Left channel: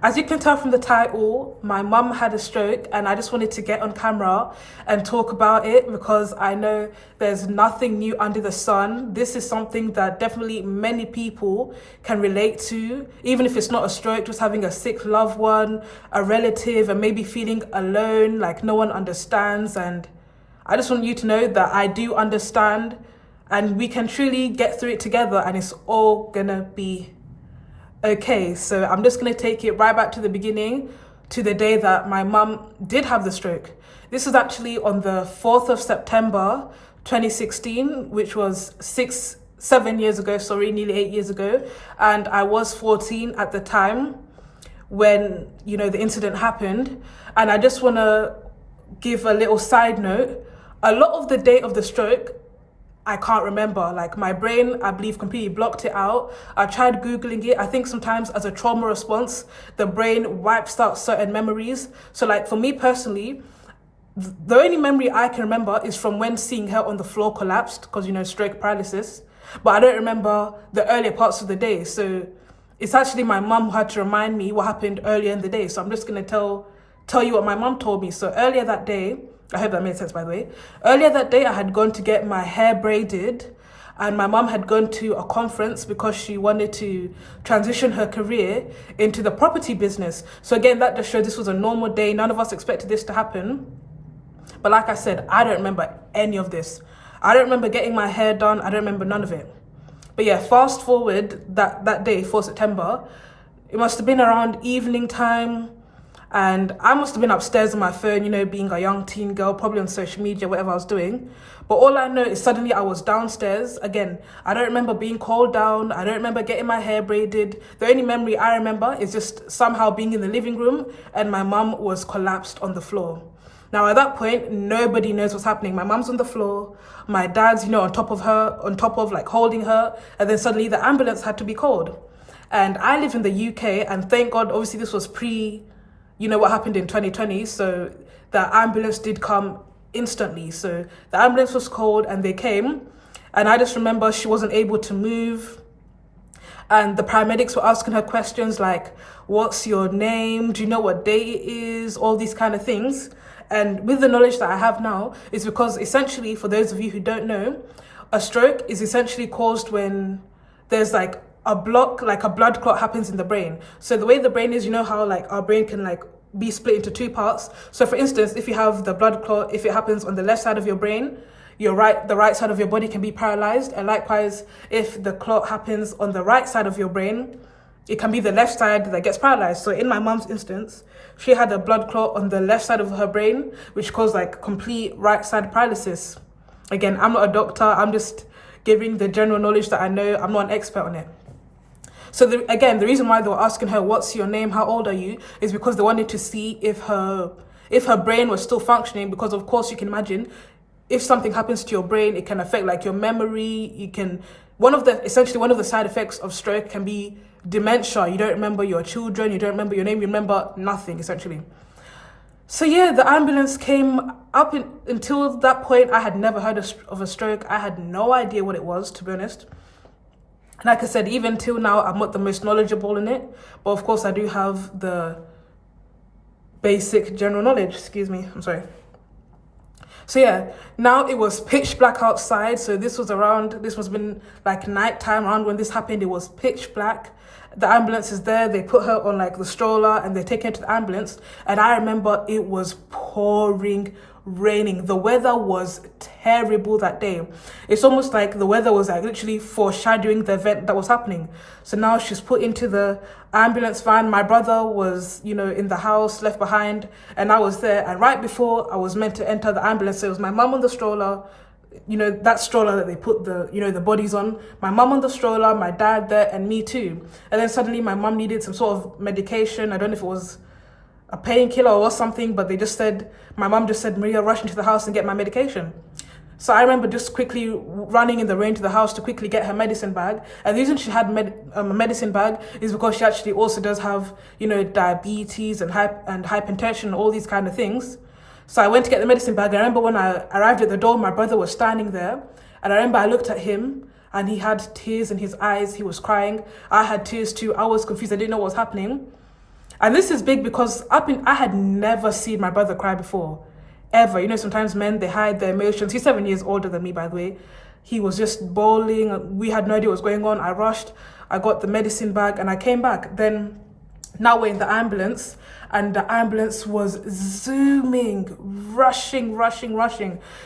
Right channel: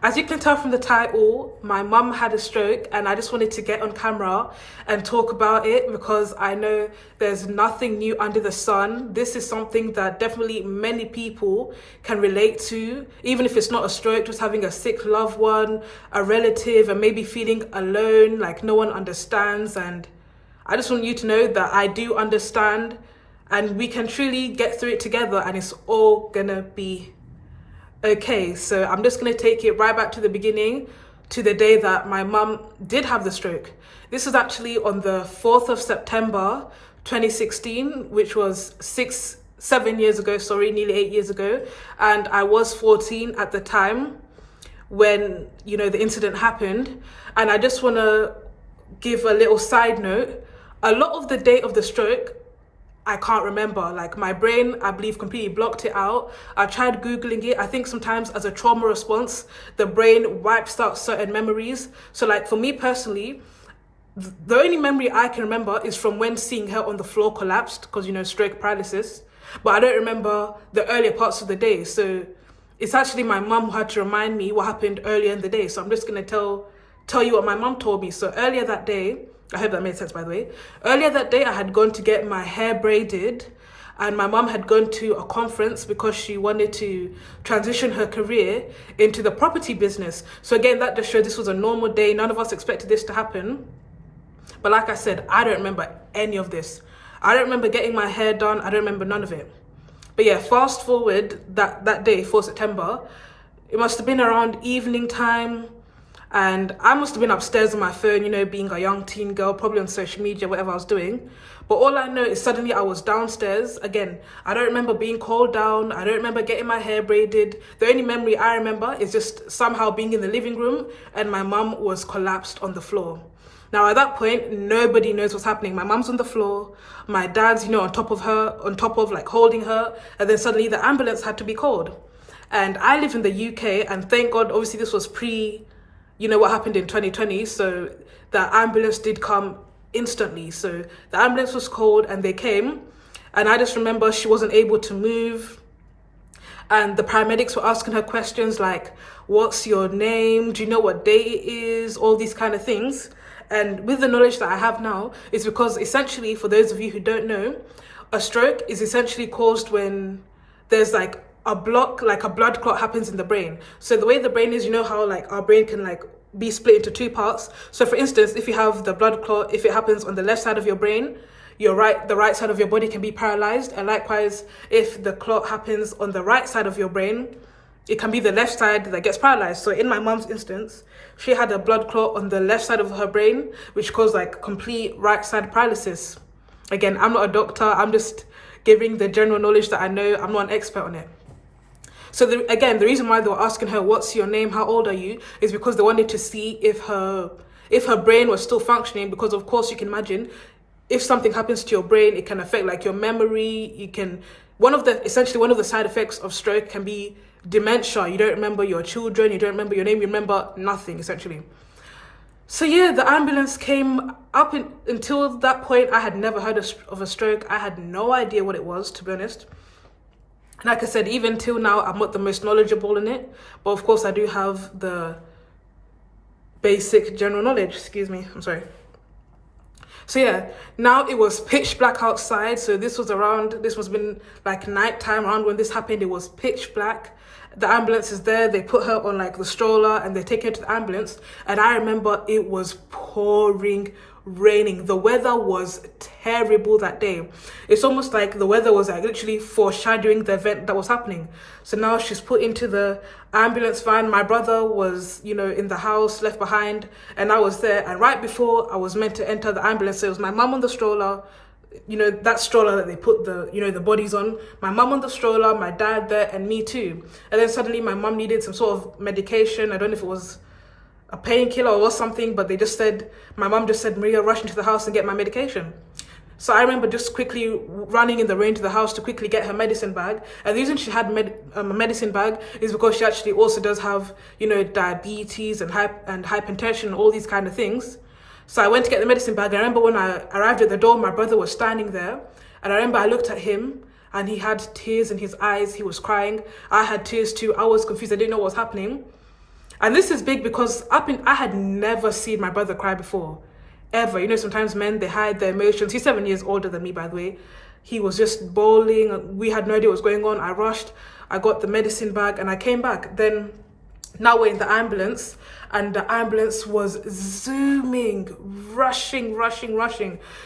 As you can tell from the title, my mum had a stroke, and I just wanted to get on camera and talk about it because I know there's nothing new under the sun. This is something that definitely many people can relate to, even if it's not a stroke, just having a sick loved one, a relative, and maybe feeling alone, like no one understands. And I just want you to know that I do understand, and we can truly get through it together, and it's all gonna be okay. So I'm just going to take it right back to the beginning, to the day that my mum did have the stroke. This was actually on the 4th of September 2016, which was 7 years ago, nearly 8 years ago. And I was 14 at the time when, the incident happened. And I just want to give a little side note. A lot of the day of the stroke, I can't remember. Like, my brain, I believe, completely blocked it out. I tried Googling it. I think sometimes as a trauma response, the brain wipes out certain memories. So like for me personally, the only memory I can remember is from when seeing her on the floor collapsed, because, stroke paralysis. But I don't remember the earlier parts of the day. So it's actually my mum who had to remind me what happened earlier in the day. So I'm just going to tell you what my mum told me. So earlier that day, I hope that made sense, by the way. Earlier that day, I had gone to get my hair braided, and my mum had gone to a conference because she wanted to transition her career into the property business. So again, that just showed this was a normal day. None of us expected this to happen. But like I said, I don't remember any of this. I don't remember getting my hair done. I don't remember none of it. But yeah, fast forward that day, 4 September, it must have been around evening time. And I must have been upstairs on my phone, being a young teen girl, probably on social media, whatever I was doing. But all I know is suddenly I was downstairs. Again, I don't remember being called down. I don't remember getting my hair braided. The only memory I remember is just somehow being in the living room and my mum was collapsed on the floor. Now, at that point, nobody knows what's happening. My mum's on the floor. My dad's, on top of her, on top of like holding her. And then suddenly the ambulance had to be called. And I live in the UK, and thank God, obviously this was what happened in 2020. So the ambulance did come instantly. So the ambulance was called and they came. And I just remember she wasn't able to move. And the paramedics were asking her questions like, what's your name? Do you know what day it is? All these kind of things. And with the knowledge that I have now, it's because essentially, for those of you who don't know, a stroke is essentially caused when there's like a blood clot happens in the brain. So the way the brain is, how like our brain can like be split into two parts. So for instance, if you have the blood clot, if it happens on the left side of your brain, the right side of your body can be paralyzed. And likewise, if the clot happens on the right side of your brain, it can be the left side that gets paralyzed. So in my mum's instance, she had a blood clot on the left side of her brain, which caused like complete right side paralysis. Again, I'm not a doctor. I'm just giving the general knowledge that I know. I'm not an expert on it. So the reason why they were asking her, what's your name, how old are you, is because they wanted to see if her brain was still functioning. Because of course you can imagine, if something happens to your brain, it can affect like your memory. One of the side effects of stroke can be dementia. You don't remember your children, you don't remember your name, you remember nothing essentially. So yeah, the ambulance came up. Until that point, I had never heard of a stroke. I had no idea what it was, to be honest. Like I said, even till now, I'm not the most knowledgeable in it. But of course, I do have the basic general knowledge. Excuse me, I'm sorry. So yeah, now it was pitch black outside. So this must have been like nighttime around when this happened. It was pitch black. The ambulance is there. They put her on like the stroller and they take her to the ambulance. And I remember it was pouring raining. The weather was terrible that day. It's almost like the weather was like literally foreshadowing the event that was happening. So now she's put into the ambulance van. My brother was, in the house, left behind, and I was there. And right before I was meant to enter the ambulance, so it was my mum on the stroller, that stroller that they put the bodies on. My mum on the stroller, my dad there, and me too. And then suddenly my mum needed some sort of medication. I don't know if it was a painkiller or something, but my mum just said, Maria, rush into the house and get my medication. So I remember just quickly running in the rain to the house to quickly get her medicine bag. And the reason she had a medicine bag is because she actually also does have, diabetes and hypertension and all these kind of things. So I went to get the medicine bag. I remember when I arrived at the door, my brother was standing there. And I remember I looked at him and he had tears in his eyes. He was crying. I had tears too. I was confused. I didn't know what was happening. And this is big because I had never seen my brother cry before, ever. You know, sometimes men, they hide their emotions. He's 7 years older than me, by the way. He was just bawling. We had no idea what was going on. I rushed. I got the medicine bag and I came back. Then now we're in the ambulance, and the ambulance was zooming, rushing.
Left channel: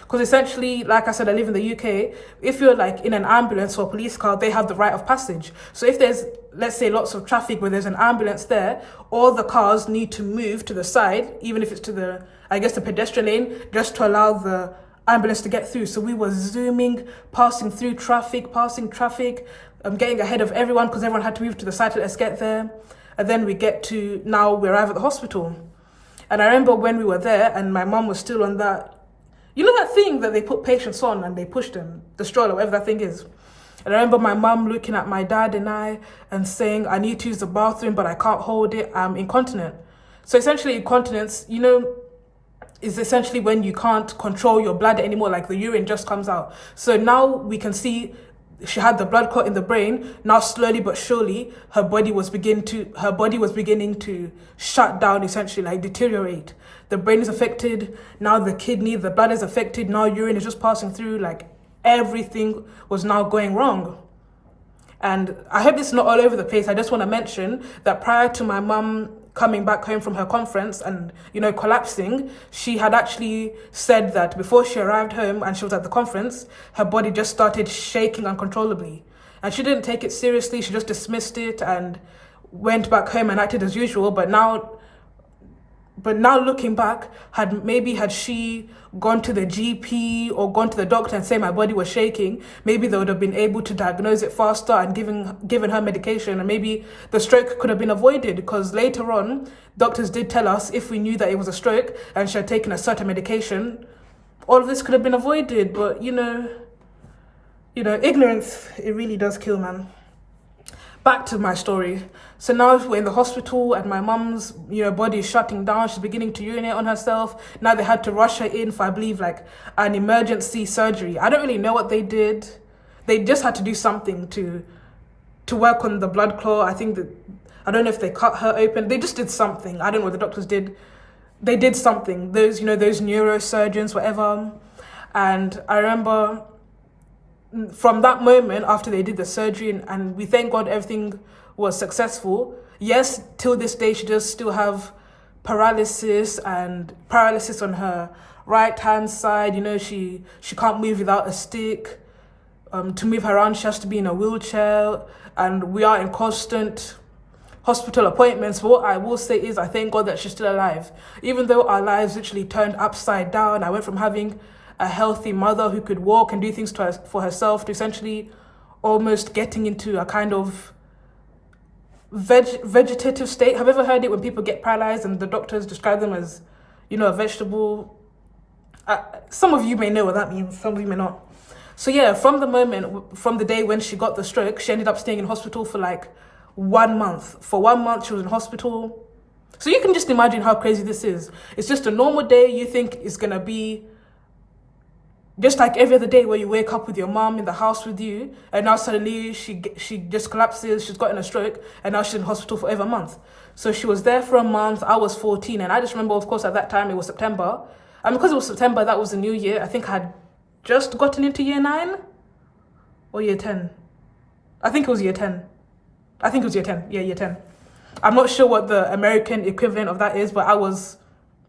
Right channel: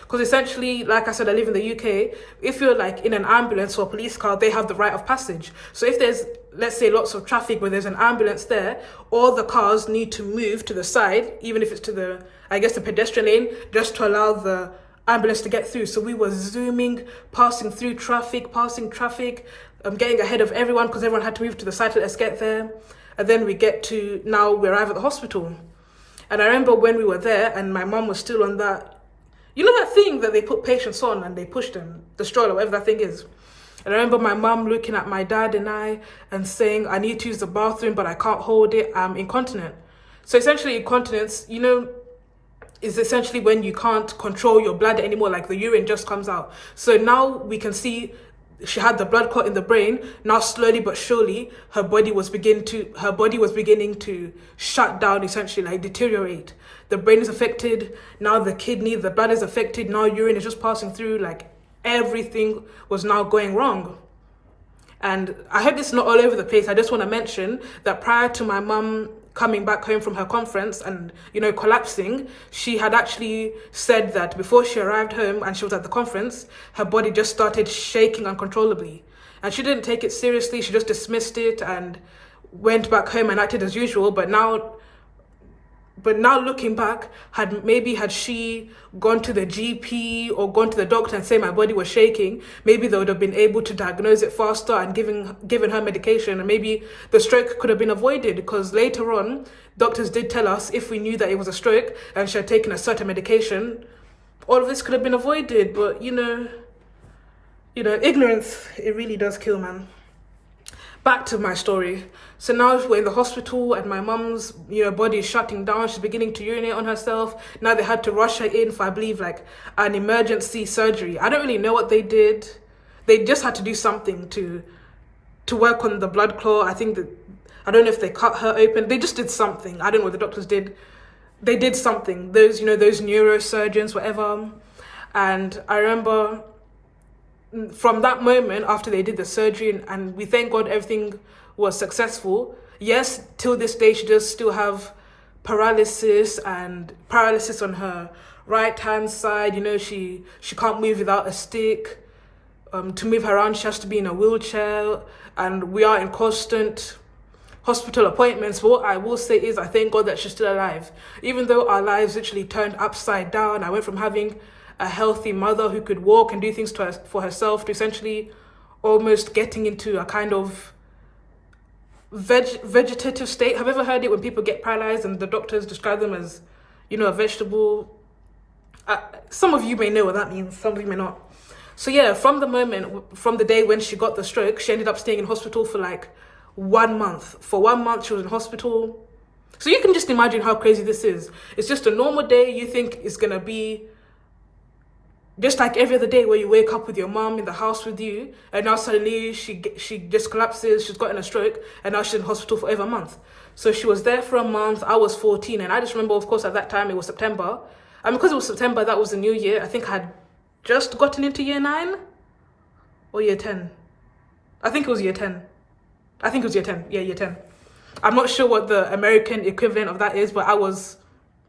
Because essentially, like I said, I live in the UK. If you're like in an ambulance or a police car, they have the right of passage. So if there's, let's say, lots of traffic where there's an ambulance there, all the cars need to move to the side, even if it's to the, I guess, the pedestrian lane, just to allow the ambulance to get through. So we were zooming, passing traffic, getting ahead of everyone because everyone had to move to the side to let us get there. And then we arrive at the hospital. And I remember when we were there and my mum was still on that, you know that thing that they put patients on and they push them, the stroller, whatever that thing is. And I remember my mum looking at my dad and I and saying, I need to use the bathroom, but I can't hold it. I'm incontinent. So essentially incontinence, you know, is essentially when you can't control your bladder anymore, like the urine just comes out. So now we can see she had the blood clot in the brain. Now slowly but surely, her body was beginning to shut down, essentially, like deteriorate. The brain is affected. Now the kidney, the bladder is affected. Now urine is just passing through. Like everything was now going wrong. And I hope this is not all over the place. I just want to mention that prior to my mum coming back home from her conference and, you know, collapsing, she had actually said that before she arrived home and she was at the conference, her body just started shaking uncontrollably. And she didn't take it seriously. She just dismissed it and went back home and acted as usual. But now looking back, had she gone to the GP or gone to the doctor and say my body was shaking, maybe they would have been able to diagnose it faster and given her medication, and maybe the stroke could have been avoided, because later on doctors did tell us if we knew that it was a stroke and she had taken a certain medication, all of this could have been avoided. But you know, ignorance, it really does kill, man. Back to my story. So now we're in the hospital and my mum's, body is shutting down. She's beginning to urinate on herself. Now they had to rush her in for, I believe, like an emergency surgery. I don't really know what they did. They just had to do something to work on the blood clot. I don't know if they cut her open. They just did something. I don't know what the doctors did. They did something. Those neurosurgeons, whatever. And I remember from that moment after they did the surgery, and we thank God everything was successful. Yes, till this day she does still have paralysis on her right hand side. She can't move without a stick. To move her around she has to be in a wheelchair, and we are in constant hospital appointments. But what I will say is I thank God that she's still alive. Even though our lives literally turned upside down, I went from having a healthy mother who could walk and do things for herself to essentially almost getting into a kind of vegetative state. Have you ever heard it when people get paralyzed and the doctors describe them as, a vegetable? Some of you may know what that means, some of you may not. So yeah, from the day when she got the stroke, she ended up staying in hospital for like 1 month. For 1 month she was in hospital. So you can just imagine how crazy this is. It's just a normal day. You think it's gonna be just like every other day where you wake up with your mom in the house with you, and now suddenly she just collapses, she's gotten a stroke, and now she's in hospital for over a month. So she was there for a month. I was 14, and I just remember, of course, at that time it was September. And because it was September, that was the new year. I think I had just gotten into year 9 or year 10. I think it was year 10. Yeah, year 10. I'm not sure what the American equivalent of that is, but I was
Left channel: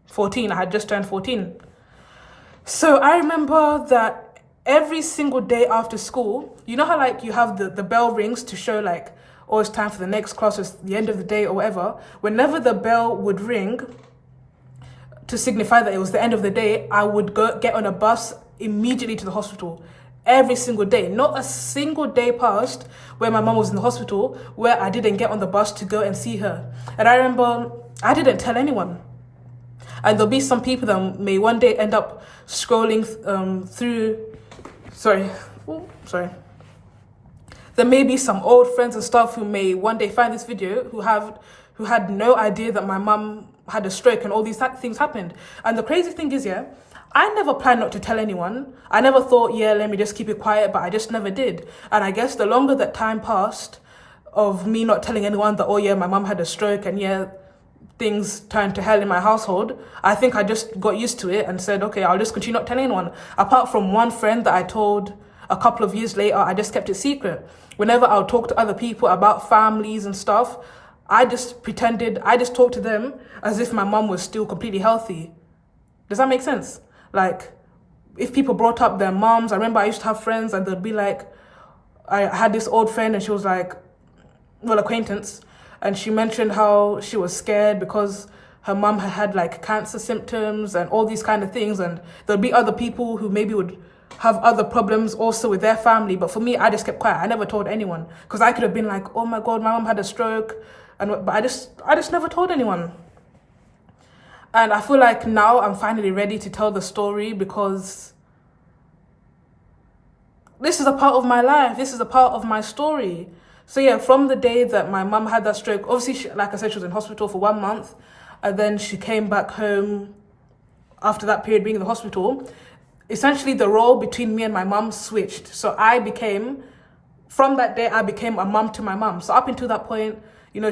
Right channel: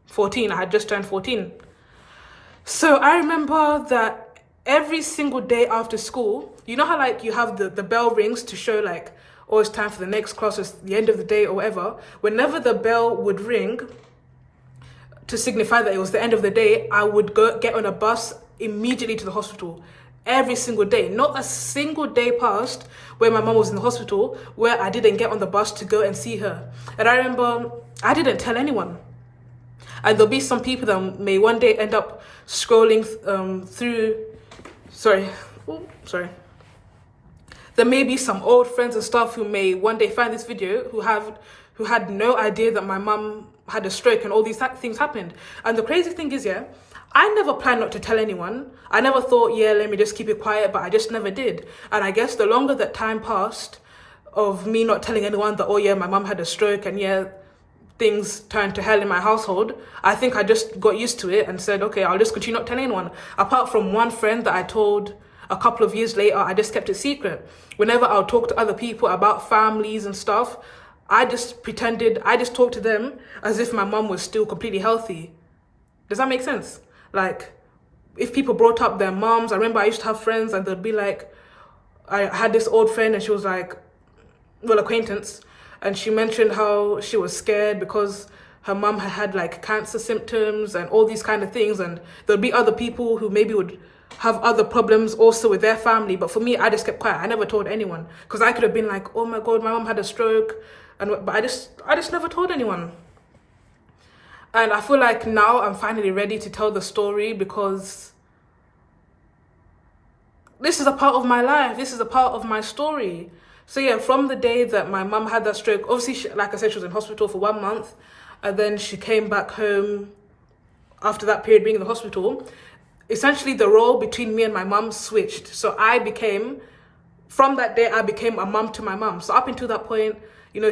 14. I had just turned 14. So I remember that every single day after school, you know how like you have the bell rings to show like, oh, it's time for the next class, it's the end of the day or whatever. Whenever the bell would ring to signify that it was the end of the day, I would get on a bus immediately to the hospital. Every single day. Not a single day passed where my mom was in the hospital where I didn't get on the bus to go and see her. And I remember I didn't tell anyone. And there'll be some people that may one day end up scrolling through. Sorry. There may be some old friends and stuff who may one day find this video who had no idea that my mum had a stroke and all these things happened. And the crazy thing is, yeah, I never planned not to tell anyone. I never thought, yeah, let me just keep it quiet, but I just never did. And I guess the longer that time passed of me not telling anyone that, oh yeah, my mum had a stroke, and yeah, things turned to hell in my household, I think I just got used to it and said, okay, I'll just continue not telling anyone. Apart from one friend that I told a couple of years later, I just kept it secret. Whenever I'll talk to other people about families and stuff, I just talked to them as if my mum was still completely healthy. Does that make sense? Like, if people brought up their moms, I remember I used to have friends and they'd be like, I had this old friend and she was like, well, acquaintance, and she mentioned how she was scared because her mum had like cancer symptoms and all these kind of things, and there'd be other people who maybe would have other problems also with their family. But for me, I just kept quiet. I never told anyone because I could have been like, oh my God, my mum had a stroke, but I just never told anyone. And I feel like now I'm finally ready to tell the story because this is a part of my life. This is a part of my story. So yeah, from the day that my mum had that stroke, obviously, like I said, she was in hospital for 1 month. And then she came back home after that period being in the hospital. Essentially, the role between me and my mum switched. So from that day, I became a mum to my mum. So up until that point,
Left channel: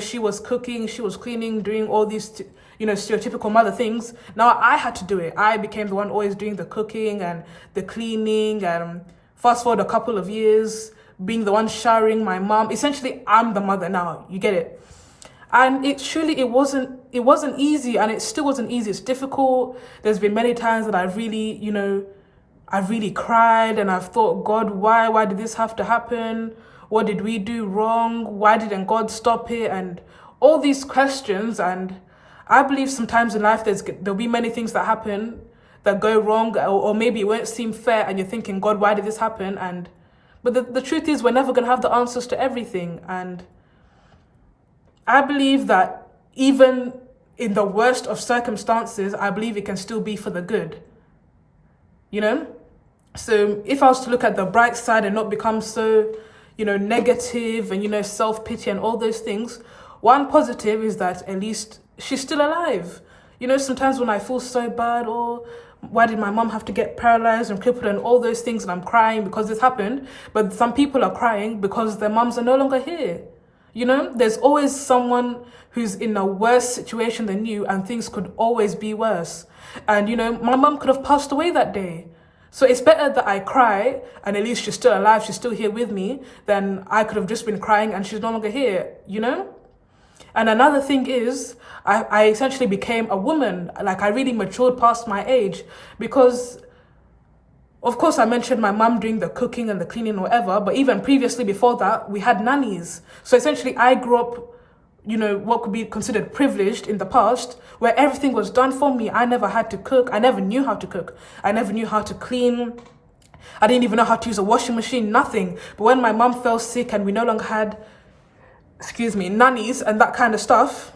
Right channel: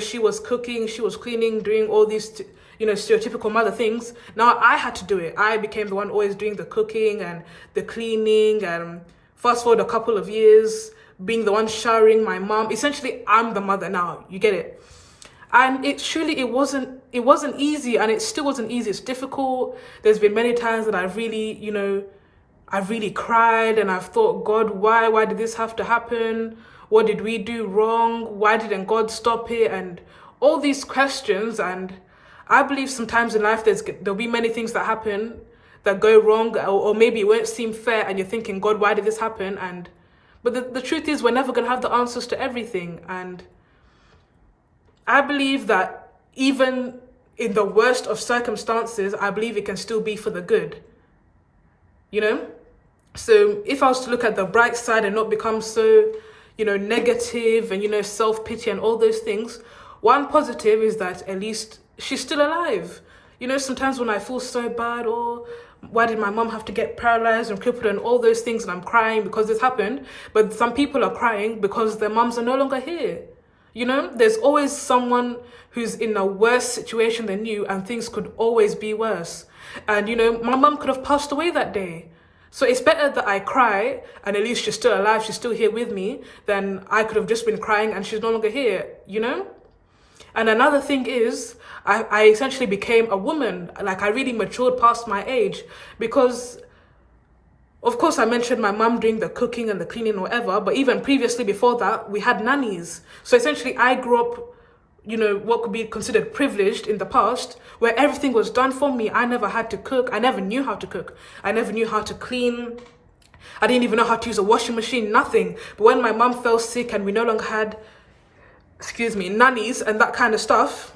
she was cooking, she was cleaning, doing all these, stereotypical mother things. Now I had to do it. I became the one always doing the cooking and the cleaning. And fast forward a couple of years, being the one showering my mom. Essentially, I'm the mother now. You get it? And it wasn't easy, and it still wasn't easy. It's difficult. There's been many times that I've really cried and I've thought, God, why did this have to happen? What did we do wrong? Why didn't God stop it? And all these questions. And I believe sometimes in life there'll be many things that happen that go wrong, or maybe it won't seem fair, and you're thinking, God, why did this happen? But the truth is, we're never going to have the answers to everything. And I believe that even in the worst of circumstances, I believe it can still be for the good. So if I was to look at the bright side and not become so, negative and, self-pity and all those things, one positive is that at least she's still alive. Sometimes when I feel so bad, or why did my mom have to get paralyzed and crippled and all those things, and I'm crying because this happened, but some people are crying because their moms are no longer here. There's always someone who's in a worse situation than you, and things could always be worse. And, my mom could have passed away that day. So it's better that I cry and at least she's still alive, she's still here with me, than I could have just been crying and she's no longer here, And another thing is, I essentially became a woman. Like, I really matured past my age because, of course, I mentioned my mum doing the cooking and the cleaning or whatever, but even previously before that, we had nannies. So essentially, I grew up, what could be considered privileged in the past, where everything was done for me. I never had to cook. I never knew how to cook. I never knew how to clean. I didn't even know how to use a washing machine, nothing. But when my mum fell sick and we no longer had, nannies and that kind of stuff,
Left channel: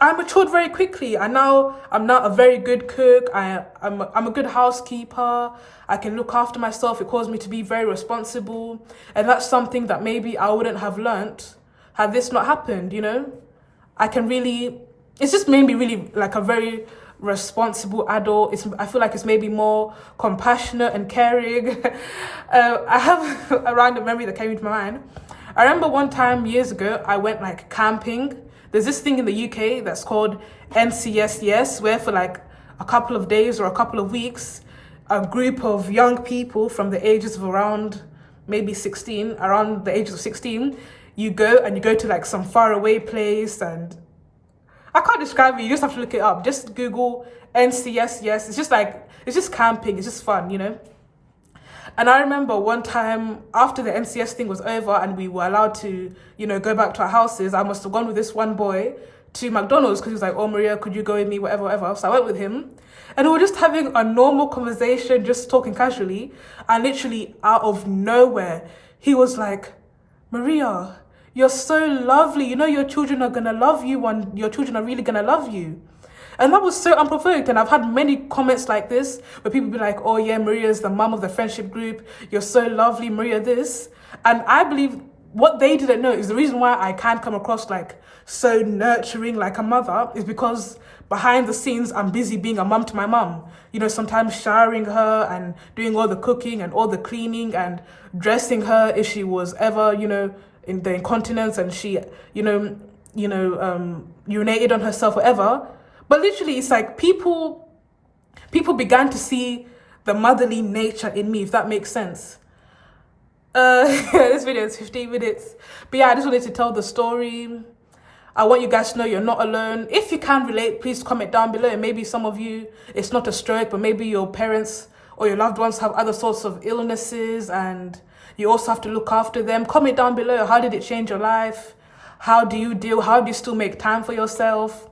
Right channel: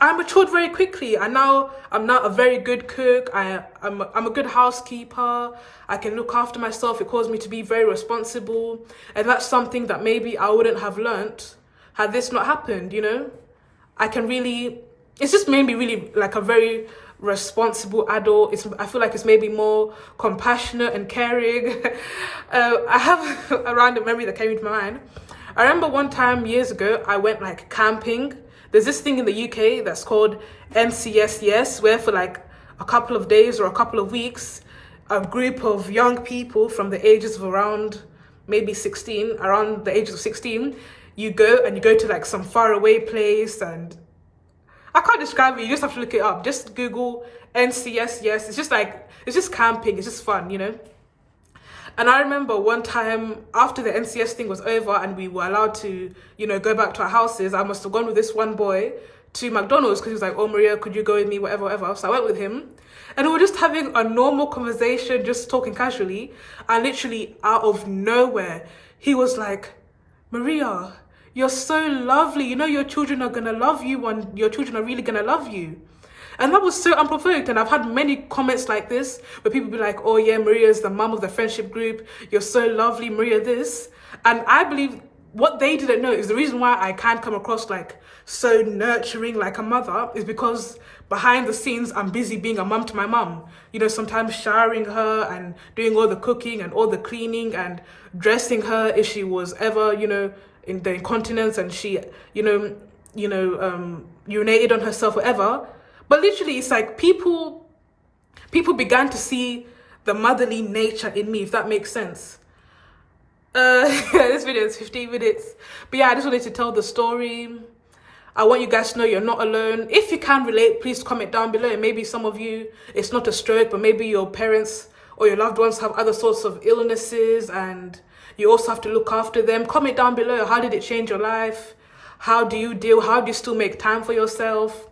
I matured very quickly. And now I'm a very good cook. I'm a good housekeeper. I can look after myself. It caused me to be very responsible. And that's something that maybe I wouldn't have learnt had this not happened, it's just made me really like a very responsible adult. I feel like it's made me more compassionate and caring. I have a random memory that came into my mind. I remember one time years ago, I went like camping. There's this thing in the UK that's called NCSS, where for like a couple of days or a couple of weeks, a group of young people from the ages of around maybe 16, around the age of 16, you go to like some faraway place, and I can't describe it, you just have to look it up. Just Google NCSS. It's just camping, it's just fun, And I remember one time after the NCS thing was over and we were allowed to, go back to our houses, I must have gone with this one boy to McDonald's because he was like, oh, Maria, could you go with me, whatever. So I went with him and we were just having a normal conversation, just talking casually. And literally out of nowhere, he was like, Maria, you're so lovely. Your children are going to love you, and your children are really going to love you. And that was so unprovoked. And I've had many comments like this where people be like, oh yeah, Maria's the mum of the friendship group. You're so lovely, Maria this. And I believe what they didn't know is the reason why I can't come across like so nurturing like a mother is because behind the scenes, I'm busy being a mum to my mum. Sometimes showering her and doing all the cooking and all the cleaning and dressing her if she was ever, in the incontinence, and she, urinated on herself, whatever. But literally, it's like people began to see the motherly nature in me, if that makes sense. This video is 15 minutes. But yeah, I just wanted to tell the story. I want you guys to know you're not alone. If you can relate, please comment down below. And maybe some of you, it's not a stroke, but maybe your parents or your loved ones have other sorts of illnesses and you also have to look after them. Comment down below. How did it change your life? How do you deal? How do you still make time for yourself?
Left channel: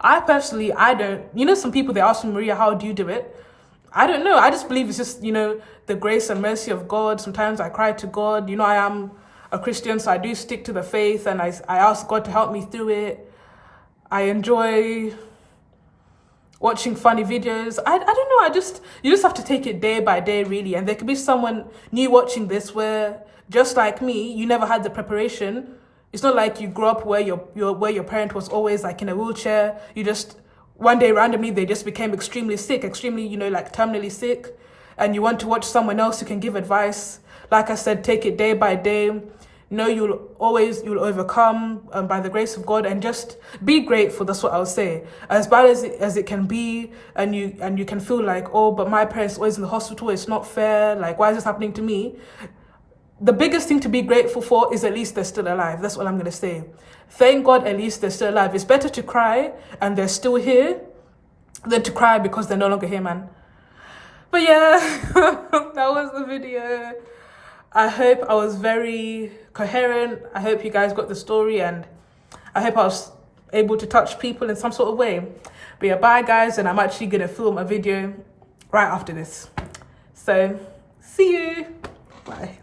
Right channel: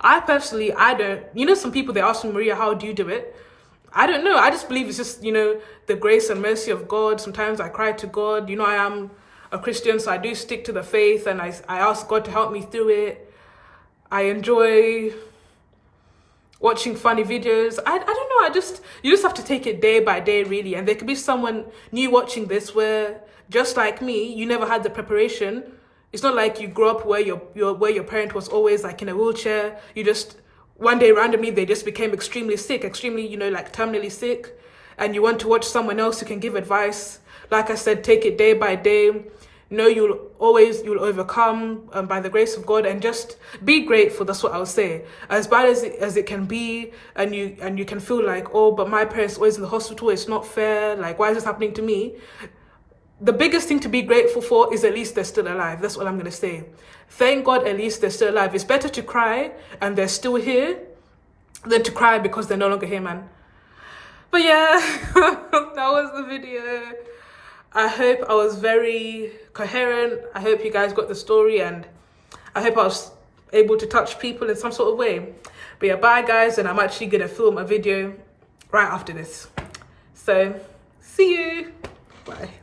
I personally, I don't. Some people, they ask me, Maria, how do you do it? I don't know. I just believe it's just, the grace and mercy of God. Sometimes I cry to God. I am a Christian, so I do stick to the faith and I ask God to help me through it. I enjoy watching funny videos. I don't know. You just have to take it day by day, really. And there could be someone new watching this where, just like me, you never had the preparation. It's not like you grew up where your parent was always like in a wheelchair. You just, one day randomly, they just became extremely sick, like terminally sick. And you want to watch someone else who can give advice. Like I said, take it day by day. You'll overcome by the grace of God, and just be grateful. That's what I would say. As bad as it can be, and you can feel like, oh, but my parents are always in the hospital. It's not fair. Like, why is this happening to me? The biggest thing to be grateful for is at least they're still alive. That's what I'm going to say. Thank God at least they're still alive. It's better to cry and they're still here than to cry because they're no longer here, man. But yeah, that was the video. I hope I was very coherent. I hope you guys got the story, and I hope I was able to touch people in some sort of way. But yeah, bye guys, and I'm actually going to film a video right after this. So, see you. Bye.